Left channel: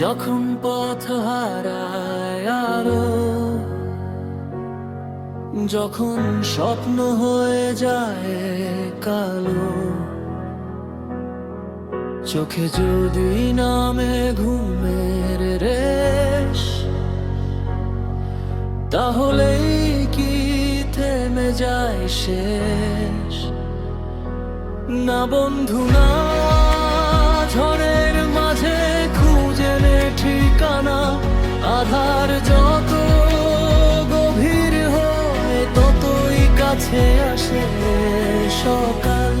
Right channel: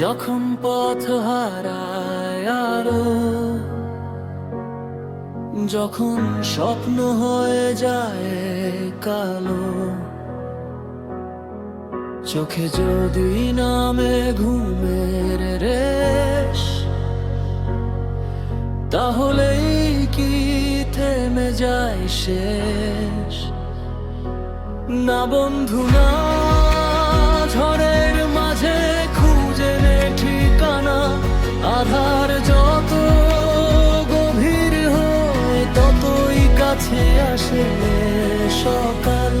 যখন পথ হারায় আলো, যখন স্বপ্ন হয়ে যায় কালো, চোখে যদি নামে ঘুমের রেশ, তাহলেই কি থেমে যায় শেষ? না বন্ধু না, ঝড়ের মাঝে খুঁজে নে ঠিকানা। আধার যত গভীর হয় ততই কাছে আসে সকাল।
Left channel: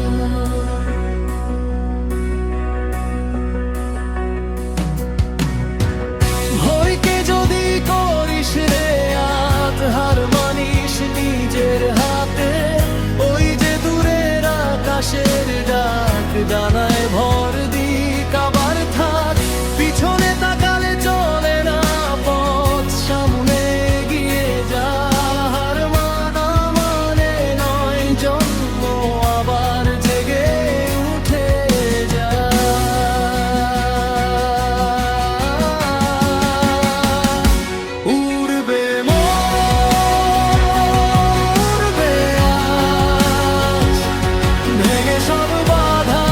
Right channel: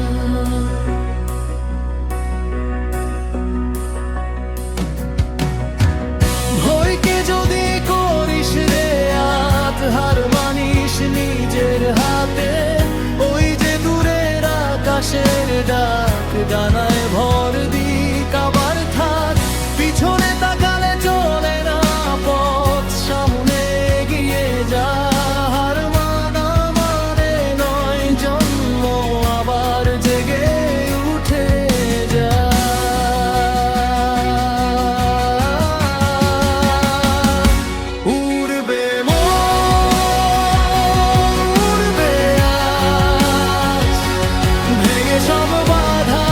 ভয়কে যদি করিস রে আত, হার মানিস নিজের হাতে। ওই যে দূরের আকাশের ডাক, ডানায় ভর দিক আবার থাক। পিছনে তাকালে চলে না পথ, সামনে এগিয়ে যা। হার মানা মানে নয় জন্ম আবার জেগে উঠে যা। উড়বে উড়বে আজ, ভেঙে সব বাধা।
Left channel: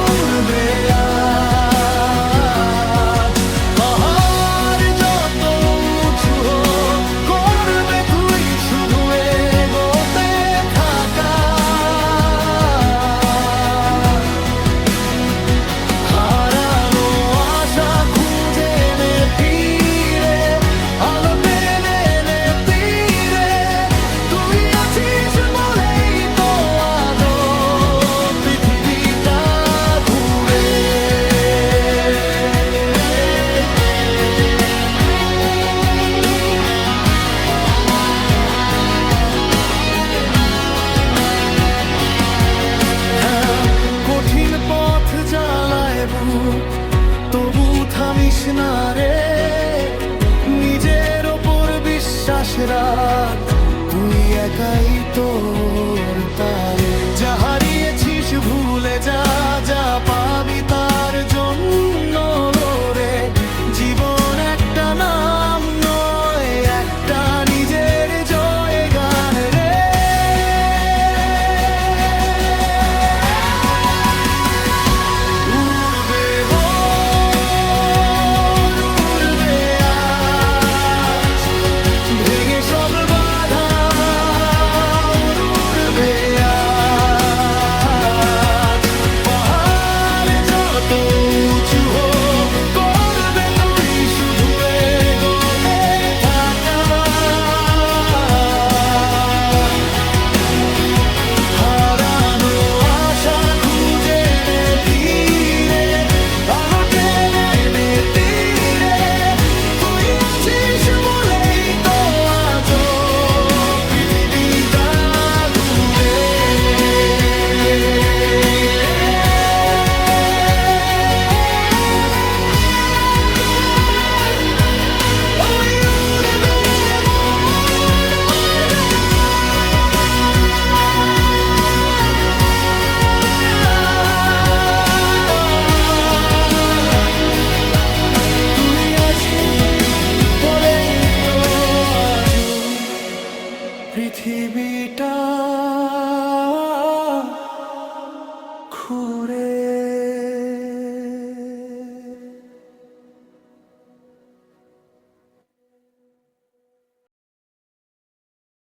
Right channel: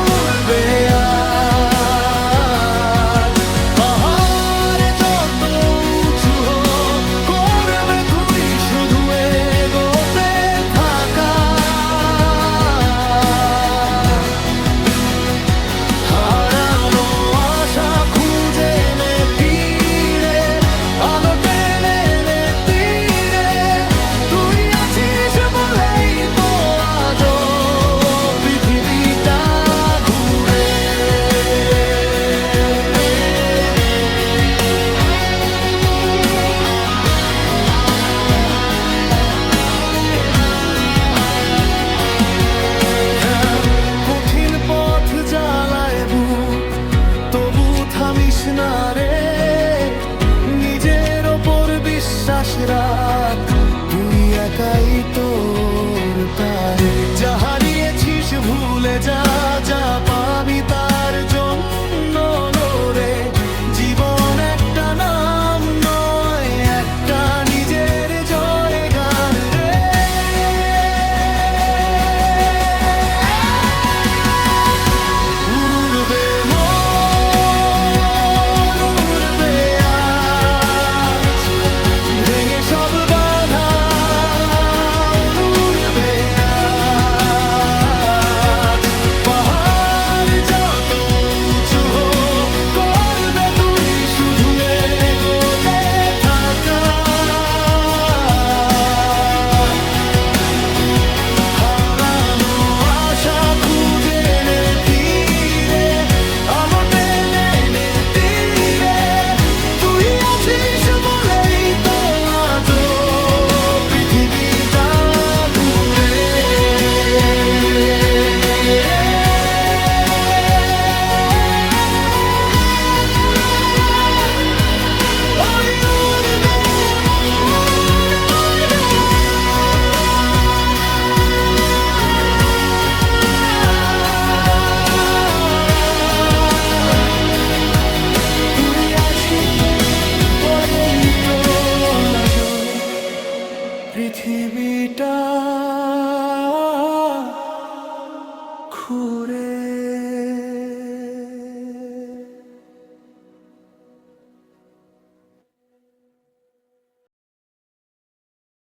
উড়বে আজ, পাহাড় যত উঁচু হোক, করবে তুই শুধু এগোতে থাকা। হারানো আশা খুঁজে নে ফিরে, আলো টেনে নে তীরে। তুই আছিস বলেই তো আজও পৃথিবীটা ঘুরে। কঠিন পথ জ্বালায় বুক, তবু থামিস না রে। নিজের ওপর বিশ্বাস রাখ, তুই একাই তোর তারে। যা হারিয়েছিস ভুলে যা, যা পাবি তার জন্য লড়ে। জীবন একটা নাম নয়, একটা নিজের জয় গান রে। উড়বে মন, উড়বে আজ, ভেঙে সব বাধা। উড়বে আজ, পাহাড় যত উঁচু হোক, করবে তুই শুধু এগোতে থাকা। হারানো আশা খুঁজে নে ফিরে, আলো টেনে নে তীরে। তুই আছিস বলেই তো আজও পৃথিবীটা ঘুরে। ওই উড়বে মন, উড়বে তুই আছিস বলেই তো আজও পৃথিবীটা ঘুরে।